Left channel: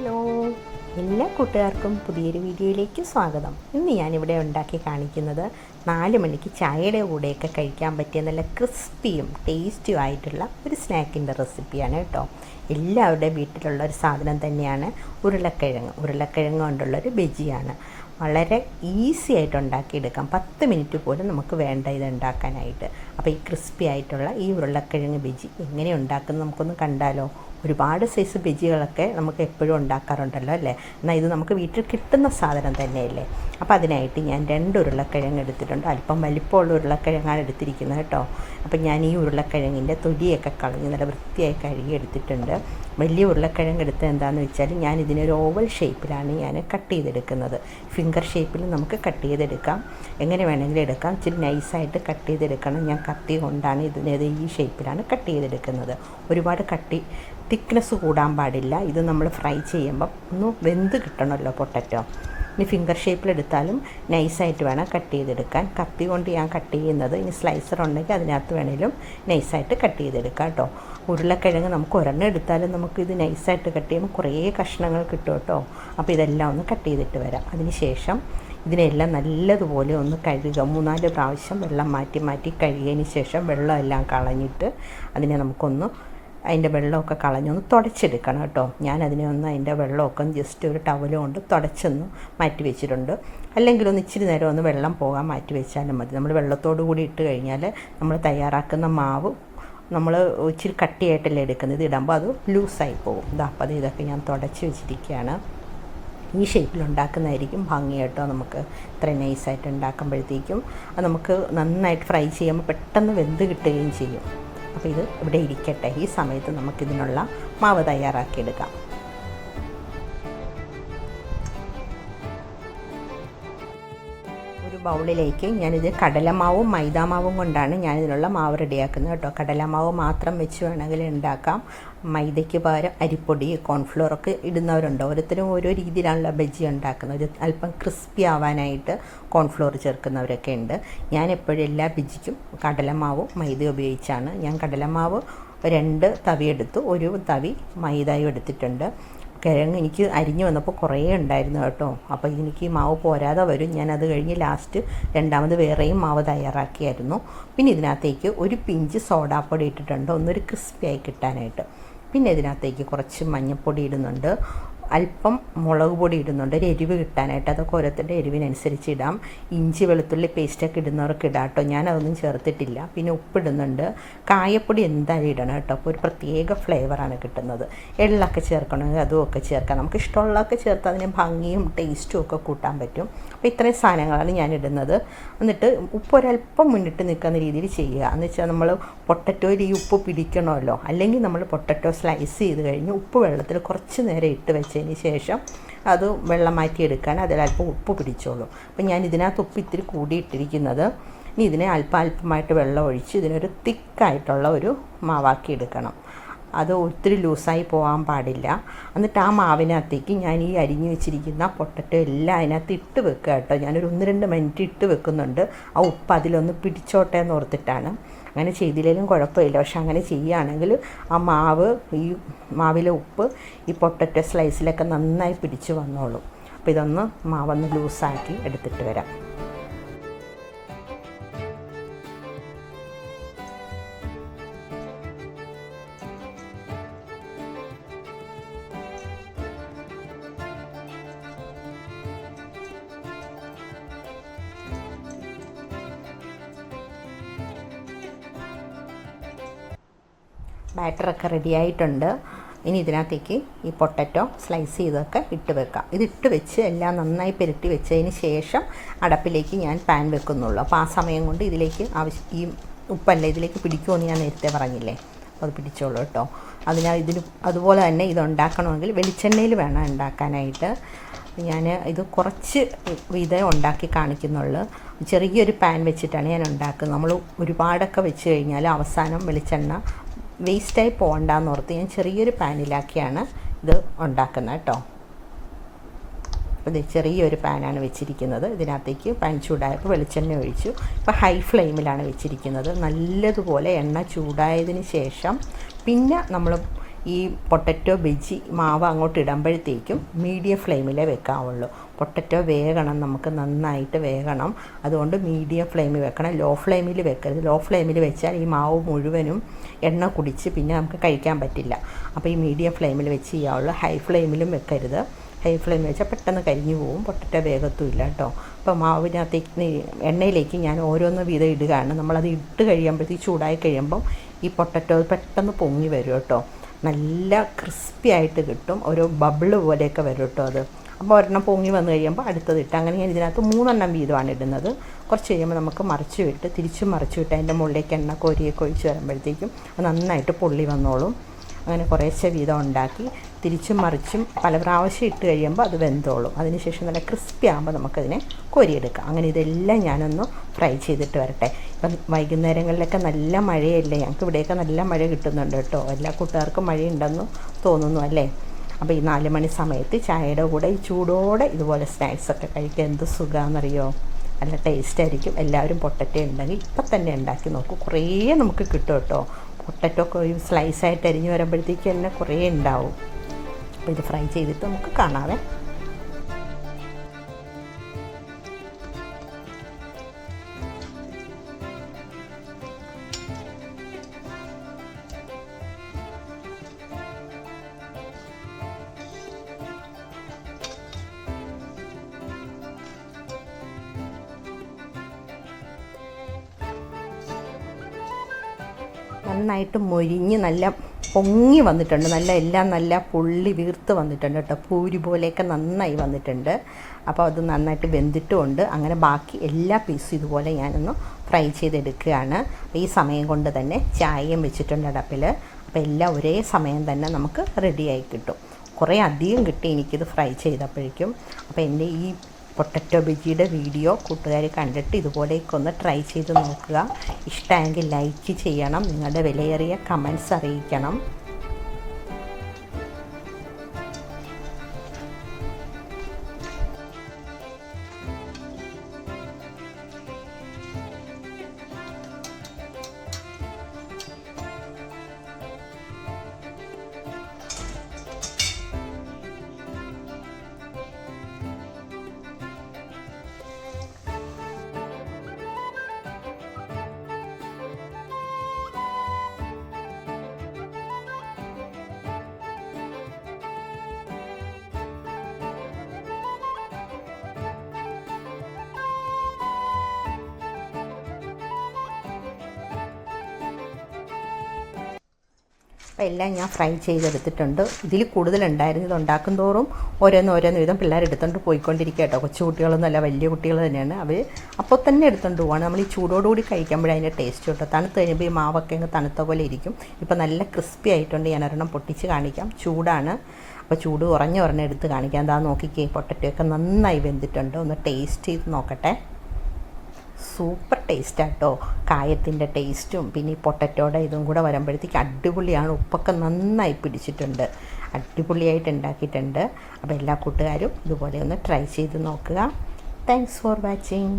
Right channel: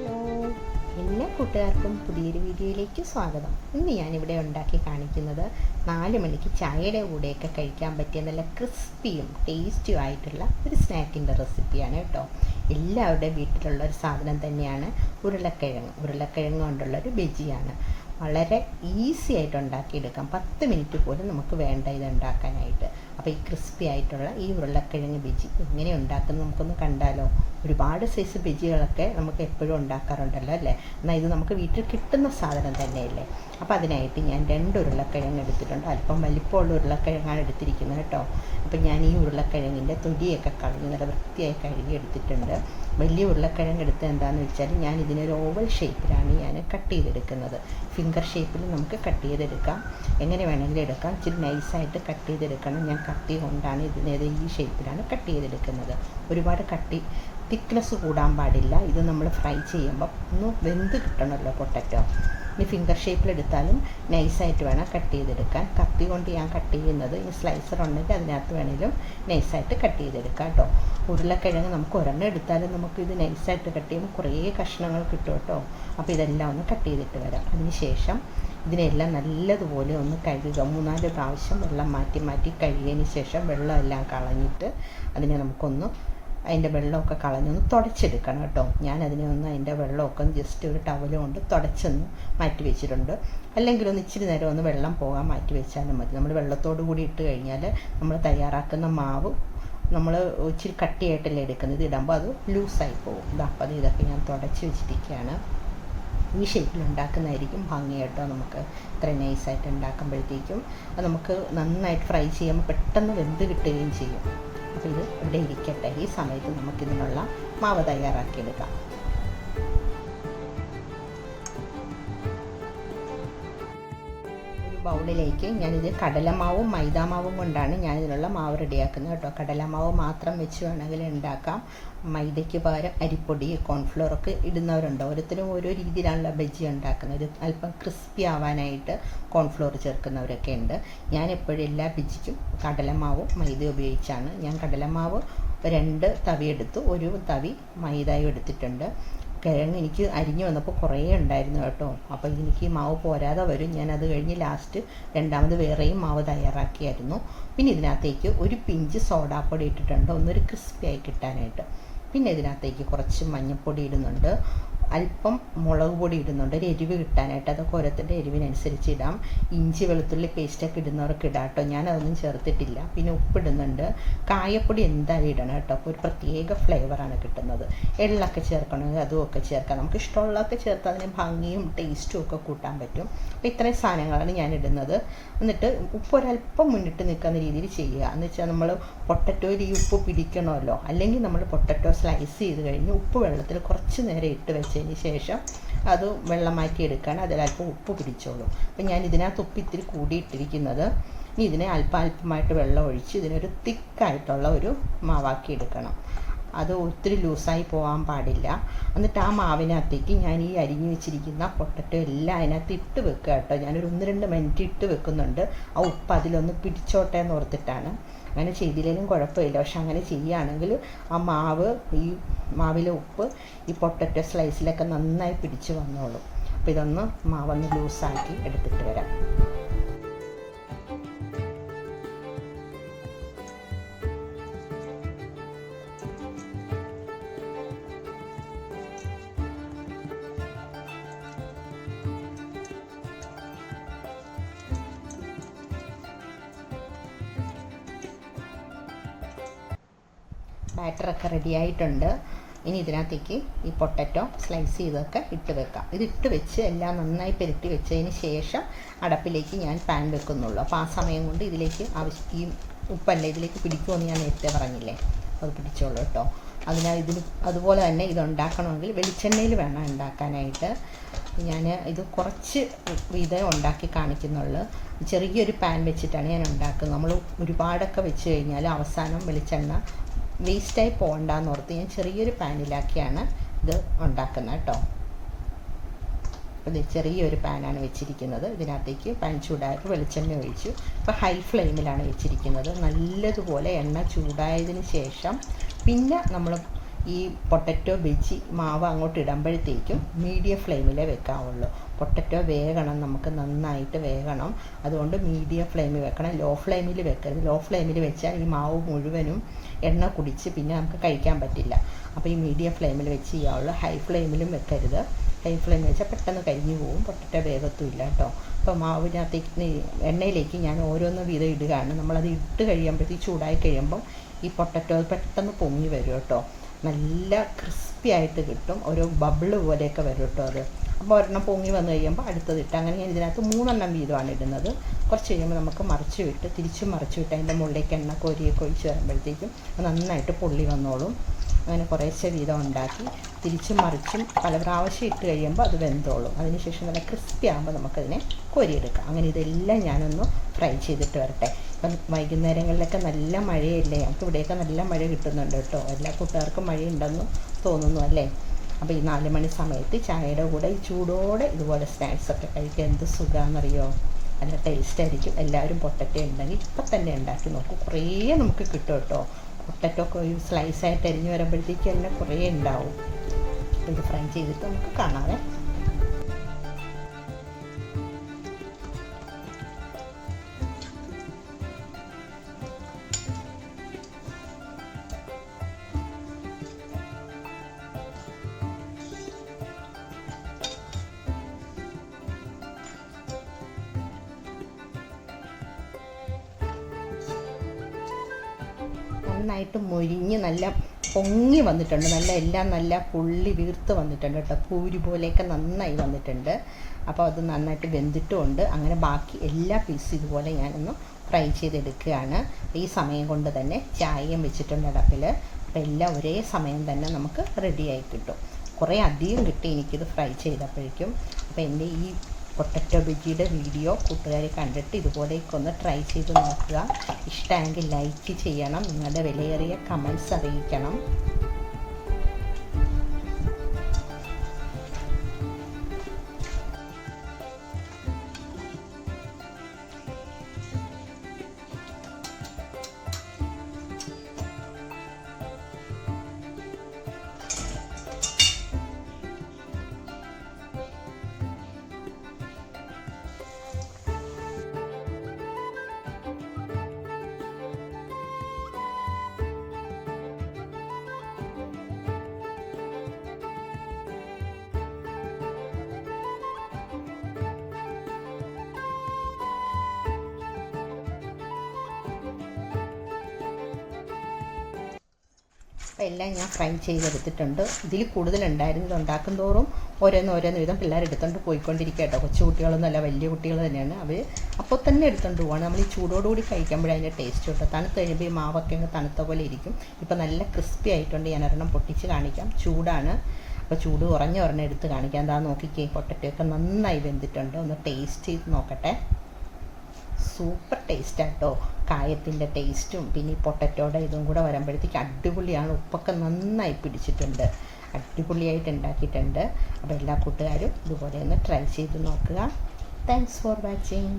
Hello. എല്ലാ കൂട്ടുകാർക്കും പുതിയൊരു വീഡിയോയിലേക്ക് സ്വാഗതം. ഇന്ന് ഞാനിവിടെ ഉണ്ടാക്കി കാണിക്കുന്നത് നാല് മണിക്ക് ചായയുടെ കൂടെയൊക്കെ കഴിക്കാൻ പറ്റിയ നല്ല ക്രിസ്പിയും ടേസ്റ്റിയും ആയിട്ടുള്ള ഒരു സ്നാക്കിന്റെ റെസിപ്പിയാണ് കേട്ടോ. എല്ലാവരുടെയും വീട്ടിലുള്ള ഒരു സാധനം തന്നെയാണ് ഉരുളക്കിഴങ്ങ്. ഉരുളക്കിഴങ്ങ് കൊണ്ടുള്ളൊരു ബജിയാണ്. വളരെ ഈസി ആയിട്ട് ഉണ്ടാക്കിയെടുക്കാം. പത്ത് മിനിറ്റ് പോലും നമുക്ക് വേണ്ട ഇത് ഉണ്ടാക്കാനായിട്ട്. അപ്പോൾ ഈ ക്രിസ്പി ആയിട്ടുള്ള ഈ ഉരുളക്കിഴങ്ങ് ബജി എങ്ങനെ ഉണ്ടാക്കുന്നത് നമുക്കൊന്ന് കണ്ടാലോ? ഒരുപാട് സൈസ് ബജികളൊക്കെ നമുക്ക് എപ്പോഴും ഉണ്ടാക്കാറുണ്ടല്ലോ അല്ലേ? എന്നാൽ ഇത് നമുക്ക് വീട്ടിൽ കിട്ടുന്ന സാധനം തന്നെയല്ലേ? അപ്പോൾ അതിനായിട്ട് ഞാൻ രണ്ട് ഉരുളക്കിഴങ്ങ് എടുത്തിട്ടുണ്ട്. അല്പം വലിപ്പമുള്ള ഉരുളക്കിഴങ്ങാണ് എടുത്തിരിക്കുന്നത് കേട്ടോ. അപ്പോൾ ഞാൻ ഈ ഉരുളക്കിഴങ്ങിന്റെ തൊലിയൊക്കെ കളഞ്ഞ് നല്ല വൃത്തിയായി കഴുകി എടുത്തിട്ടുണ്ട്. വലിയ ഉരുളക്കിഴങ്ങ് എടുത്ത് എന്താണെന്ന് വെച്ചാൽ ഞാൻ ഇതിനൊരു ഓവൽ ഷേപ്പിലാണ് ഞാൻ കട്ട് ചെയ്തെടുക്കുന്നത്. ഫിംഗർ ഷേപ്പിൽ നമുക്ക് കട്ട് ചെയ്തെടുക്കാം. എങ്ങനെ വേണമെങ്കിലും എടുക്കാം. ഇച്ചിരി നൈസായിട്ട് കട്ട് ചെയ്തെടുക്കണം. ഞാൻ കത്തി കൊണ്ടാണ് ഇതിനേത് ഈ ഷേപ്പിലാണ് കട്ട് ചെയ്തെടുക്കുന്നത്. ഒരുപാട് കട്ടി തിക്നെസ് കൂടാൻ പാടില്ല. ഇത് നമ്മൾ ഫ്രൈ ചെയ്യുമ്പം ഒന്ന് വെന്ത് കിട്ടണമല്ലോ പൊട്ടറ്റോ? ഇനി ഫിംഗർ ഷേപ്പിലെടുത്താലും നൈസായിട്ട് വേണം കട്ട് ചെയ്തെടുക്കാൻ. കത്തി കൊണ്ട് ഞാൻ കട്ട് ചെയ്യുന്നത് ഇനി സ്ലൈസർ ഉണ്ടെങ്കിൽ അതിനകത്ത് വേണേലും നൈസായിട്ട് കട്ട് ചെയ്തെടുക്കാം കേട്ടോ ഉരുളക്കിഴങ്ങ് നമുക്ക് ഒരെണ്ണം എടുത്താലും നമുക്ക് ഇത് നൈസായിട്ട് കട്ട് ചെയ്യുമ്പോൾ കുറേ കഷ്ണങ്ങൾ കിട്ടും കേട്ടോ അപ്പോൾ ഇതെല്ലാം ഒന്ന് കട്ട് ചെയ്തിട്ട് വരാം. അതിന് ശേഷം ഇതിനെല്ലാം നല്ലതുപോലെ ഒന്ന് കഴുകുക. മൂന്നാൽ പ്രാവശ്യം വെള്ളം മാറ്റി മാറ്റി കഴുകിയതിന് ശേഷം വെള്ളമെല്ലാം കളഞ്ഞിട്ട് അതിനെ നമുക്കൊന്ന് അതിന്റെ വെള്ളമൊക്കെ കളഞ്ഞൊന്ന് തുടച്ചെടുക്കണം കേട്ടോ. ഞാൻ അതിനെ ഒന്ന് അതിന്റെ വെള്ളമൊക്കെ ജസ്റ്റ് ഒരു ടവൽ കൊണ്ട് തുടച്ചൊന്ന് മാറ്റി വെച്ചിട്ടുണ്ട്. അല്ലെങ്കിൽ ഒന്ന് ഇച്ചിരി നേരം ഒന്ന് വെള്ളം പോകാൻ മാറ്റി വെച്ചാലും മതി. നമ്മൾ വെള്ളത്തോടു കൂടി ഇട്ട് കഴിഞ്ഞാൽ നമ്മൾ തയ്യാറാക്കുന്ന മാവ് നമ്മൾ ഇച്ചിരി കട്ടിയായിട്ടല്ലേ എടുക്കുന്നത്. ഇടുമ്പോൾ അത് ലൂസായി പോകും. ഇതാ അപ്പോൾ അത് ഇതൊക്കെ ഞാൻ തുടച്ച് വെച്ചിരിക്കുകയാണ്. ഈ ഷേപ്പിൽ ഉണ്ടാക്കുന്നതായിരിക്കും ഭംഗി കേട്ടോ നമുക്ക്. ഇത്ര നൈസായിട്ട് ഉണ്ടാക്കുമ്പോഴത്തേക്കും. അത് നമുക്ക് നന്നായിട്ട് ഫ്രൈ ചെയ്യുമ്പോൾ പെട്ടെന്ന് വെന്ത് കിട്ടുകയും ചെയ്യും. അപ്പോൾ ഇത് ഇവിടെ ഇരിക്കട്ടെ. ഈ സമയത്ത് നമുക്കിതിനുള്ള മാവ് തയ്യാറാക്കിയെടുക്കാം. ബൗളിലേക്ക് ഞാനിത് കടലമാവും മൈദാമാവും കൊണ്ടാണ് ഞാനിതിനുള്ള മാവ് റെഡിയാക്കുന്നത് കേട്ടോ. കടലമാവ് മാത്രം വെച്ച് വേണമെങ്കിൽ ഉണ്ടാക്കാം. മൈദയ്ക്ക് പകരം അരിപ്പൊടി കോൺഫ്ലോറൊക്കെ ഇടുന്നവരുണ്ട്? ഓരോരുത്തരും ഓരോ രീതിയിലാണല്ലോ ബജ്ജി ഉണ്ടാക്കുന്നത്. അല്പം ക്രിസ്പി ആവാനായിട്ട് കോൺഫ്ലോർ ചേർക്കുന്നവരൊക്കെ ഉണ്ട്. ഞാൻ എപ്പോഴും എല്ലാ ബജ്ജിക്കും കടലമാവും മൈദ ഉപയോഗിച്ചാണ്. ഞാൻ കടലമാവ് രണ്ട് തവി എടുത്തു. ഒരു തവി മൈദയും എടുത്തിട്ടുണ്ട്. കിഴങ്ങ് എനിക്ക് അരിഞ്ഞു വന്നപ്പോൾ കുറേ ഉണ്ടായിരുന്നു കേട്ടോ. അപ്പോൾ എനിക്ക് മാവ് പോരാതെ വരും. ഞാൻ അത് കഴിഞ്ഞ് ലാസ്റ്റ് രണ്ടാമത് വേറെയും മാവ് തയ്യാറാക്കിയായിരുന്നു. പിന്നെ ഇതിനകത്തേക്ക് ഒരു പിഞ്ച് സോഡാപ്പൊടി ഇട്ടിട്ടുണ്ട്. ഒന്നൊരു ക്രിസ്പി ആയി കിട്ടാനായിട്ട്. പിന്നെ ഇതിനകത്തേക്ക് കുറച്ച് മഞ്ഞൾപ്പൊടി ഇടുന്നുണ്ട്. അല്പം മുളക് പൊടി ഇടുന്നുണ്ട്. ഒരു എരിവ് കിട്ടാനായിട്ട് അതൊക്കെ ഓരോരുത്തരുടെ എരിവിനനുസരിച്ച് ഇടാം. ഇഞ്ചി വെളുത്തുള്ളി പേസ്റ്റൊക്കെ ഇടുന്നവർക്ക് ഇടാം കേട്ടോ. ഞാൻ അതൊന്നും ചേർത്തിട്ടില്ല. പിന്നെ ഉപ്പിടുന്നുണ്ട് കായപ്പൊടി എന്തായാലും ഇടണം കേട്ടോ. അപ്പോൾ ഒരു പ്രത്യേക ഫ്ലേവറാണ് കിട്ടുന്നത്. എള്ളൊക്കെ ചേർക്കണമെങ്കിൽ അതും ഒക്കെ ചേർക്കാം. നമുക്ക് ഇഷ്ടമുള്ളതൊക്കെ ചേർത്ത് അതിന് ഭംഗിയും ടേസ്റ്റും ഒക്കെ കൂട്ടാൻ പറ്റും. അപ്പോൾ ഇത്രയും സാധനങ്ങളാണ് ഞാൻ ഇടുന്നത് എന്നിട്ട് ഉപ്പ് ഒരല്പം മുന്നിട്ട് നിൽക്കുന്ന രീതിയിൽ ചെയ്യുക. എന്ന് വെച്ചാൽ നമ്മൾ പൊട്ടറ്റോയിൽ ഈ ഉപ്പ് പിടിക്കണമല്ലോ. അല്ലെങ്കിൽ നമ്മൾ പൊട്ടറ്റോ സ്ലൈസ് ചെയ്ത് കഴിഞ്ഞ് ഉപ്പ് വെള്ളത്തിൽ കുറച്ച് നേരം ഇട്ട് വെച്ചതിന് ശേഷം അത് വെള്ളം മാറ്റി എടുക്കാൻ അതിലല്പം ഉപ്പ് പിടിച്ചോളൂ. അപ്പം ഞാൻ ഇതിനകത്ത് ഉപ്പ് ഇത്തിരി കൂടിയിട്ടിരിക്കുന്നത് ഇനി ഇതിനെ അല്പം അല്പമായിട്ട് വെള്ളം ഒഴിച്ച് ഇതിനൊരു തിക്കായിട്ടുള്ള ഒരു മാവാക്കി എടുക്കണം. അത് ഒത്തിരി ലൂസായി പോകാൻ പാടില്ല. എന്നിട്ട് ആ മാവിനകത്തേക്ക് ഞാൻ ഈ അരിഞ്ഞു വെച്ചിരിക്കുന്ന പൊട്ടറ്റോ എല്ലാം അതിനകത്ത് ഇട്ട് വെക്കുക കേട്ടോ. ഞാനൊരു ഒന്ന് രണ്ട് മിനിറ്റ് ഇട്ട് വെക്കുന്നുണ്ട്. ആ ഉപ്പ് അതിലൊന്ന് പിടിച്ചോട്ടെ എന്ന് ഓർത്തിട്ടാണ്. അങ്ങനെ ചെയ്തില്ലെങ്കിലും കുഴപ്പമില്ല. പക്ഷെ അങ്ങനെ ചെയ്യുകയാണെങ്കിൽ ആ മാവ് ഈ മാവിലെ ഉപ്പ് ഈ പൊട്ടറ്റോ സ്ലൈസിലൊക്കെ നന്നായി പിടിച്ച് വന്നോളും. അപ്പോൾ ഇതൊന്ന് മാവൊന്ന് ലൂസാക്കി എടുത്തിട്ട് വരാം. ബാറ്ററൊക്കെ റെഡി ആയിട്ടുണ്ട് ഇനി ഇതിനകത്തേക്ക് ഈ പൊട്ടറ്റോ സ്ലൈസ് ചെയ്തൊക്കെ ഇട്ട് വെക്കാം. ഇത് ഇട്ട് വെച്ച് എല്ലാം നന്നായി പെരുട്ടി വെച്ചതിന് ശേഷം അടപ്പിലേക്ക് ഞാൻ പാൻ വെക്കുന്നുള്ളൂ. അപ്പോൾ ആ സമയം കൊണ്ട് ഇതിലേക്ക് ആവശ്യം ഈ ഉപ്പല്ല ഇതിലേക്ക് പിടിക്കുമെന്ന് ഞാൻ നേരത്തെ പറഞ്ഞില്ലേ? അത് പിടിച്ചോളൂ കേട്ടോ. അതിനാൽ ഇതിന് അതുപോലെ തന്നെ ഇത് ഉണ്ടാക്കണമെങ്കിൽ വെളിച്ചെണ്ണയിൽ വേണം ഉണ്ടാക്കാനായിട്ട്. ഞാൻ ഇത് കുറച്ച് വീതം ഉണ്ടാക്കി കാണിക്കുന്നുള്ളൂ. ചെറിയൊരു പാൻ വെച്ചിട്ടാണ് ഞാൻ ഉണ്ടാക്കുന്നത്. നമ്മൾ ഒരുപാടൊക്കെ വെച്ച് കഴിഞ്ഞാൽ അവസാനം വെളിച്ചെണ്ണ വേസ്റ്റായി പോകണ്ടെന്ന് ഓർത്ത് ഞാൻ ചെറിയൊരു പാനിലാക്കിയാണ് ഇത് ഉണ്ടാക്കുന്നത് കേട്ടോ. ഇത് ചെറിയൊരു പാനാണ് വെച്ചിരിക്കുന്നത്. ഇതിനകത്തേക്ക് പാൻ ചൂടായപ്പോൾ വെളിച്ചെണ്ണ ഒഴിച്ചു. ഇപ്പോൾ ഹൈ ഫ്ലെയിമിലാണ് വെച്ചിരിക്കുന്നത്. നല്ലതുപോലെ എണ്ണ ചൂടായതിന് ശേഷം പിന്നെ നമ്മൾ ഈ പൊട്ടറ്റോ ബജി മാവ് അങ്ങോട്ട് ഇടുമ്പോഴത്തേക്കും മീഡിയം ഫ്ലെയിമിലേ വെക്കാവുള്ളൂ. പൊട്ടറ്റോ വേകണം നമുക്ക് നന്നായിട്ട് വേകണം. അതുകൊണ്ട് മീഡിയം ഫ്ലെയിമിൽ വെക്കണം. ലോ ഫ്ലെയിമിൽ വെക്കരുത്. ലോ ഫ്ലെയിമിൽ വെച്ചാൽ ഈ മാവ് മുഴുവനും എണ്ണ കുടിച്ച് പിന്നെ നമുക്ക് കഴിക്കാൻ പറ്റില്ല. അപ്പോൾ ഈ മീഡിയം ഫ്ലെയിമിൽ വെച്ച് ചെയ്യാവുള്ളൂ ഹൈ ഫ്ലെയിമിലും വെക്കരുത്. ഹൈ ഫ്ലെയിമിൽ വെച്ചാൽ പെട്ടെന്ന് കരിഞ്ഞു പോകും പൊട്ടറ്റോ വേഗത്തുമില്ല കേട്ടോ. അപ്പോൾ മാവിനകത്തേക്ക് എണ്ണയിലേക്ക് ഞാൻ ഓരോന്ന് വീതം ഇടുകയാണ്. നമ്മളത് ഇട്ട് കഴിയുമ്പോഴത്തേക്ക് ചൂടായി കഴിയുമ്പം ഈ പൊട്ടറ്റോ പെട്ടെന്ന് പൊങ്ങി വരും കേട്ടോ. നല്ല ക്രിസ്പി ആയിട്ട് കിട്ടും. ഒരു ബബിൾ പോലെയൊക്കെ വരും കേട്ടോ അത്. അപ്പോൾ ഒരെണ്ണം പൊങ്ങി വന്നു കഴിയുമ്പോൾ അടുത്തതിട്ട് അങ്ങനെ ഞാൻ ഇതിനകത്ത് മൂന്നെണ്ണം വീതമാണ് ഇടുന്നത്. കുറച്ച് കഴിയുമ്പോൾ നമുക്ക് മറിച്ച് വിട്ട് തിരിച്ച് മറിച്ച് വിട്ട് അതിന്റെ മുകളിലേക്ക് എണ്ണ കോരിയൊക്കെ ഒഴിച്ച് വരുമ്പോഴത്തേക്കും നന്നായിട്ട് പൊള്ളി വന്നോളും. അങ്ങനെ കുറേശ്ശെ വീതം ഉണ്ടാക്കി തിരിച്ചും മറിച്ചും പല പ്രാവശ്യം ഇട്ട് കഴിയുമ്പോൾ അത് വെന്തോളും. അതിനുശേഷം നല്ല ക്രിസ്പി ആകുമ്പോൾ നമുക്കതിനെ കോരിയെടുക്കാം. അങ്ങനെ ഇതെല്ലാം ഞാനൊന്ന് ഫ്രൈ ചെയ്തിട്ട് വരട്ടെ. ഇപ്പം വൈകുന്നേരങ്ങളിലൊക്കെ നല്ല മഴയല്ലേ? ഞങ്ങൾക്ക് ഇവിടെയൊക്കെ നല്ല മഴ കിട്ടുന്നുണ്ട് കേട്ടോ. എല്ലാ കൂട്ടുകാർക്കും മഴയുണ്ടെന്ന് തോന്നുന്നു അല്ലേ? അപ്പോൾ ഈ നാല് മണി സമയത്ത് ചായയുടെ കൂടെ ഈ ചൂടോടെ ഇതുപോലെ സ്നാക്സൊക്കെ കഴിക്കാൻ എന്ത് സുഖമാണെന്നറിയോ നല്ല ടേസ്റ്റ് ആയിരിക്കും. എല്ലാവരും പൊട്ടറ്റോ ഉണ്ടെങ്കിൽ ഇപ്പം തന്നെ ഉണ്ടാക്കി നോക്കും. കുറേ നമുക്ക് കിട്ടും കേട്ടോ. പൊട്ടറ്റോ ഒക്കെ ഒരു സ്ലൈസായിട്ട് അരിഞ്ഞ് വരുമ്പോഴത്തേക്ക് തന്നെ കുറേ ഉണ്ടാവും. അപ്പോൾ ഇത് ഫ്രൈ ചെയ്തിട്ട് നമുക്ക് കാണാവേ. നന്നായിട്ട് മൊരിഞ്ഞ് നല്ല പൊങ്ങി വന്നിട്ടുണ്ട്. നല്ല എല്ലാം നല്ല പുള്ളി വീർത്ത് വന്നിട്ടുണ്ട് കേട്ടോ. പൂരി പോലെയൊക്കെ നന്നായി വന്നിട്ടുണ്ട്. അപ്പോൾ അത് നന്നായിട്ട് വെന്തിട്ടുമുണ്ട്. അങ്ങനെ ബാക്കി എല്ലാ പീസും ഇതുപോലെ ഞാനൊന്ന് ഫ്രൈ ചെയ്തെടുക്കുകയാണ്. ഈ സമയം കൊണ്ട് തന്നെ ചായയും വെച്ചിട്ടുണ്ട് അടപ്പിൽ അപ്പോൾ എല്ലാം ഒരേ സമയം തന്നെ നമുക്ക് റെഡിയായി കിട്ടും. കുറേ അധികം കിട്ടി എനിക്കിത് ഫ്രൈ ചെയ്തപ്പോഴേക്കും. അപ്പോൾ എന്റെ ഈ പൊട്ടറ്റോ ബജിയുടെ വീഡിയോ കൂട്ടുകാർ കണ്ടിട്ട് ഇതുപോലെയൊക്കെ ഒന്ന് ട്രൈ ചെയ്ത് നോക്കുക. ഇഷ്ടമെങ്കിൽ ലൈക്ക് ചെയ്യണം. നിങ്ങളുടെ വിലയേറിയ കമൻസ് അറിയിക്കണം. അപ്പോൾ എല്ലാം ഞാൻ ഫ്രൈ ചെയ്തെടുത്തിട്ടുണ്ട്. ഇതിൽ കൂടുതലുണ്ടായിരുന്നു ഇത് ഉണ്ടാക്കും തോറും ഓരോന്ന് ഓരോന്ന് വിധം പിള്ളേർ എടുത്തുകൊണ്ട് പോയിക്കൊണ്ടിരിക്കുക കേട്ടോ. കൊച്ചു കുട്ടികളൊന്നുമല്ല വലിയ കുട്ടികൾ തന്നെയാണ്. അവർ അപ്പോൾ തന്നെ എടുത്തുകൊണ്ട് പോവാണ്. നമ്മൾ ഈ ചൂടോടുകൂടി കഴിക്കുമ്പോഴേ അതിന്റെ ടേസ്റ്റ് കേട്ടോ തണുത്ത് കഴിയുമ്പോൾ ഈ മാവൊക്കെ അങ്ങ് തണുത്ത പോലെ ഇരിക്കും. ഇപ്പോൾ നല്ല ക്രിസ്പി ആയിട്ടുണ്ട്. ഞാൻ ഒരെണ്ണം പൊട്ടിച്ച് കാണിക്കാം. ചൂടാണ്. അപ്പോൾ ചൂട് കുറഞ്ഞ ഒരെണ്ണം എടുത്ത് കാണിക്കാം. എന്താ നോക്കിക്കേ പൊട്ടറ്റൊക്കെ നന്നായി വെന്തിട്ടുണ്ട്. ഒന്ന് ടേസ്റ്റ് ചെയ്ത് നോക്കട്ടെ. സൂപ്പർ ടേസ്റ്റാട്ടോ കായത്തിന്റെ ടേസ്റ്റും പിന്നെ ഈ പൊട്ടറ്റോടെ ഇതും കൂടെ വരുമ്പോഴത്തേക്ക് അടിപൊളിയാണ്. ഉപ്പൊക്കെ നന്നായി പിടിച്ചിട്ടുണ്ട്. അടിപൊളിയായിട്ട് ഉണ്ടാക്കിയിട്ടുണ്ട്. അപ്പോൾ എല്ലാ കൂട്ടുകാരും ഇതുപോലെ ഒന്ന് ട്രൈ ചെയ്ത് നോക്കുക. Thanks for watching